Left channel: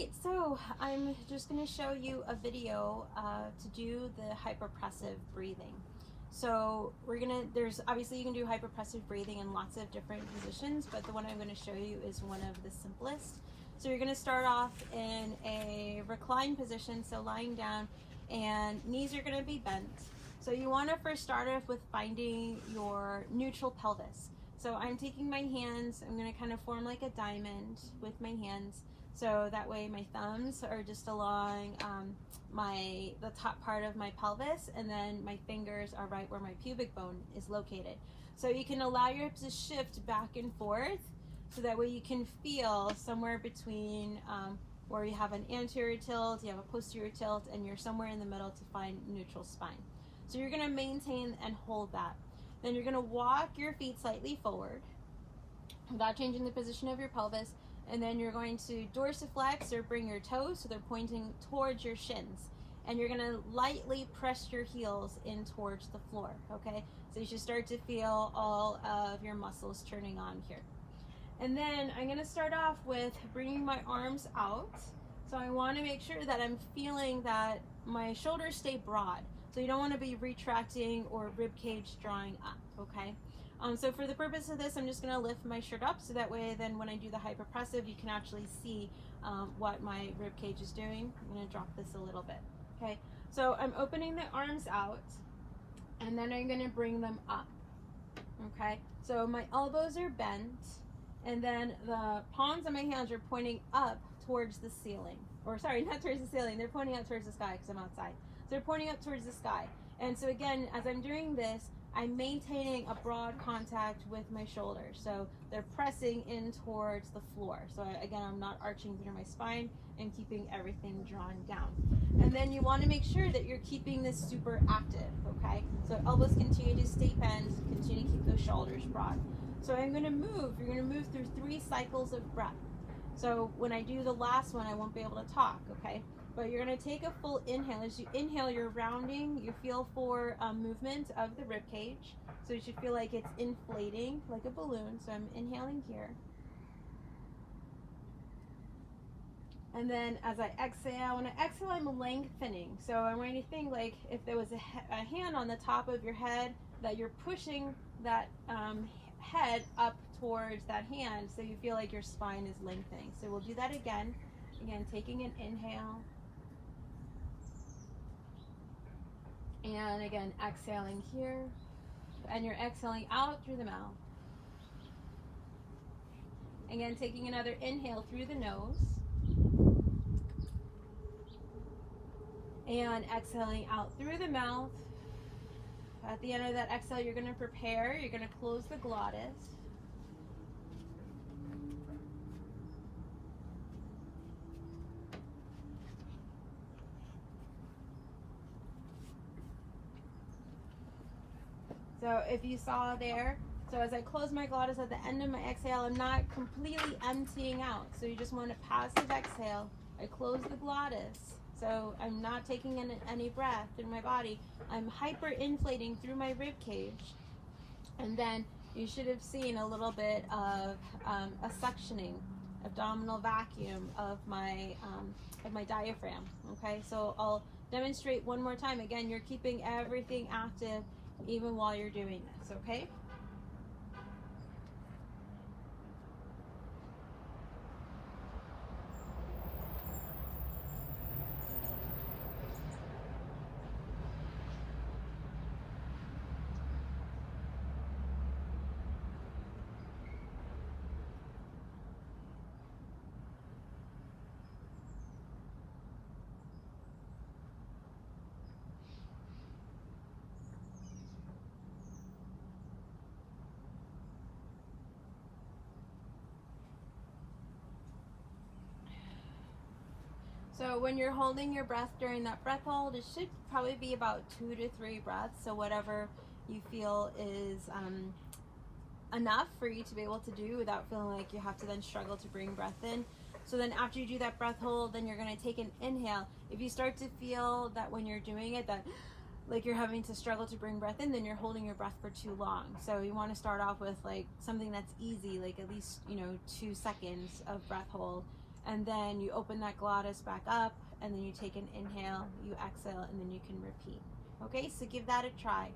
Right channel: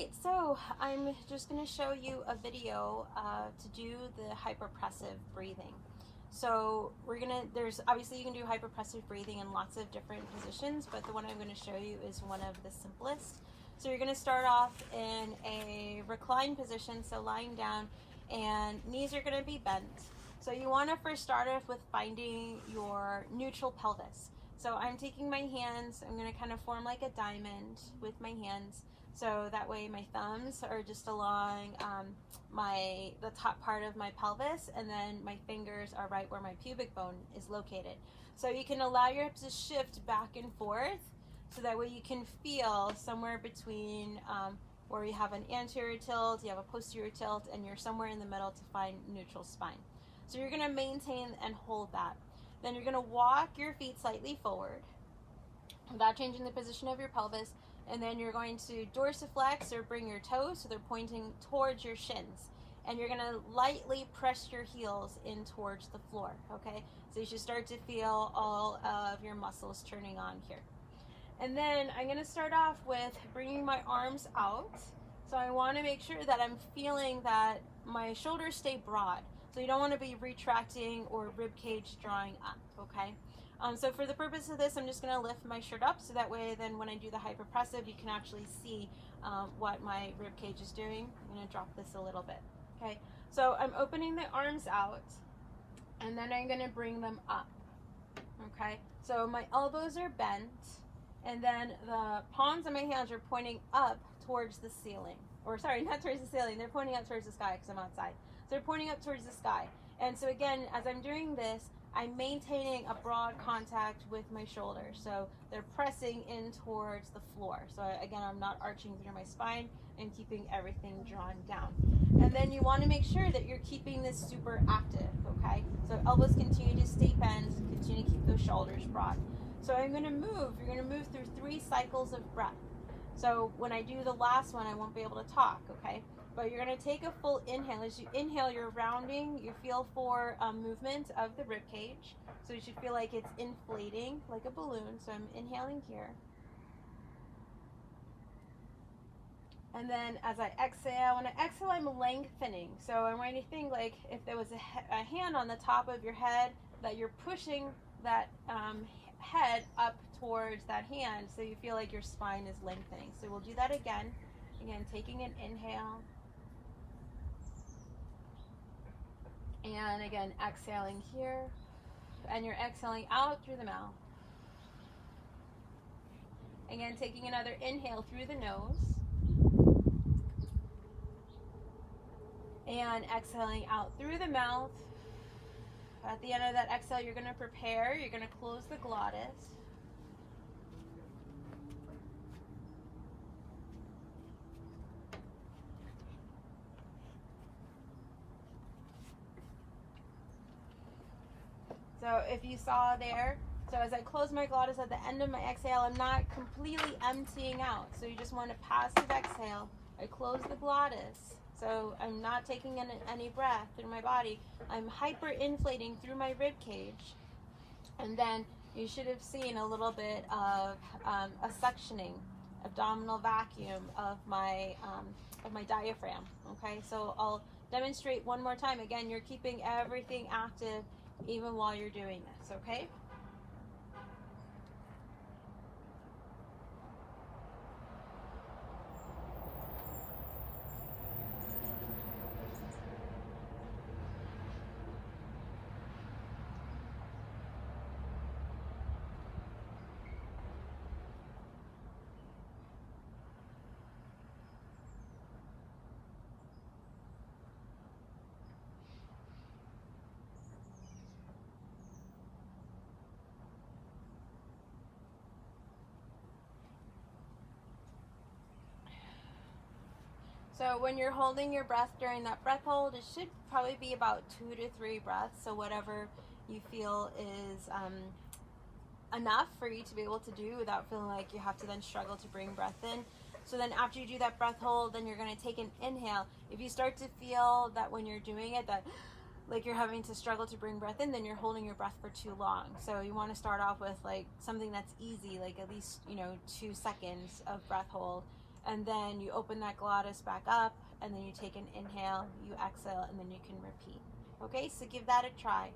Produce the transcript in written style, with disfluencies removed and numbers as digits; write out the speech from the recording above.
Great, so I'm just going to show you a video to do the hypopressive breathing. So there's obviously you can do hypopressive breathing in lots of different positions, but the one I'm going to show you is one of the simplest. So you're going to start off in a reclined position, so lying down, and knees are going to be bent. So you want to first start off with finding your neutral pelvis. So I'm taking my hands, I'm going to kind of form like a diamond with my hands. So that way my thumbs are just along the top part of my pelvis, and then my fingers are right where my pubic bone is located. So you can allow your hips to shift back and forth, so that way you can feel somewhere between where you have an anterior tilt, you have a posterior tilt, and you're somewhere in the middle to find neutral spine. So you're going to maintain and hold that. Then you're going to walk your feet slightly forward without changing the position of your pelvis. And then you're going to dorsiflex or bring your toes so they're pointing towards your shins. And you're going to lightly press your heels in towards the floor, okay? So you should start to feel all of your muscles turning on here. And then I'm going to start off with bringing my arms out. So I want to make sure that I'm feeling that my shoulders stay broad. So you don't want to be retracting or rib cage drawing up, okay? So for the purpose of this, I'm just going to lift my shirt up, so that way then when I do the hypopressive, you can actually see what my rib cage is doing. I'm going to drop this a little bit, okay? So I'm opening the arms out, and then I'm going to bring them up, okay? So my elbows are bent, and then the palms of my hands are pointing up towards the ceiling. Or sorry, not towards the ceiling, they're pointing out towards the sky because I'm outside. So they're pointing up towards the sky. And so again, as I'm doing this, I'm maintaining a broad contact with my shoulders. So they're pressing in towards the floor. So again, I'm not arching through my spine and keeping everything drawn down. And then you want to make sure that you're keeping this super active, okay? So elbows continue to stay bent, continue to keep those shoulders broad. So I'm going to move. You're going to move through 3 cycles of breath. So when I do the last one, I won't be able to talk, okay? But you're going to take a full inhale. As you inhale, you're rounding. You feel for movement of the rib cage. So you should feel like it's inflating like a balloon. So I'm inhaling here. And then as I exhale, when I exhale, I'm lengthening. So I'm going to think like if there was a hand on the top of your head, that you're pushing that head up towards that hand, so you feel like your spine is lengthening. So we'll do that again. Again, taking an inhale. And again, exhaling here. And you're exhaling out through the mouth. Again, taking another inhale through the nose. And exhaling out through the mouth. At the end of that exhale, you're going to prepare. You're going to close the glottis. So if you saw there, so as I close my glottis at the end of my exhale, I'm not completely emptying out. So you just want a passive exhale. I close the glottis. So I'm not taking in any breath through my body. I'm hyperinflating through my rib cage. And then you should have seen a little bit of a suctioning, abdominal vacuum of my diaphragm. Okay, so I'll demonstrate one more time. Again, you're keeping everything active even while you're doing this, okay? So when you're holding your breath during that breath hold, it should probably be about 2 to 3 breaths. So whatever you feel is enough for you to be able to do without feeling like you have to then struggle to bring breath in. So then after you do that breath hold, then you're going to take an inhale. If you start to feel that when you're doing it, that like you're having to struggle to bring breath in, then you're holding your breath for too long. So you want to start off with like something that's easy, like at least, 2 seconds of breath hold. And then you open that glottis back up, and then you take an inhale, you exhale, and then you can repeat. Okay, so give that a try.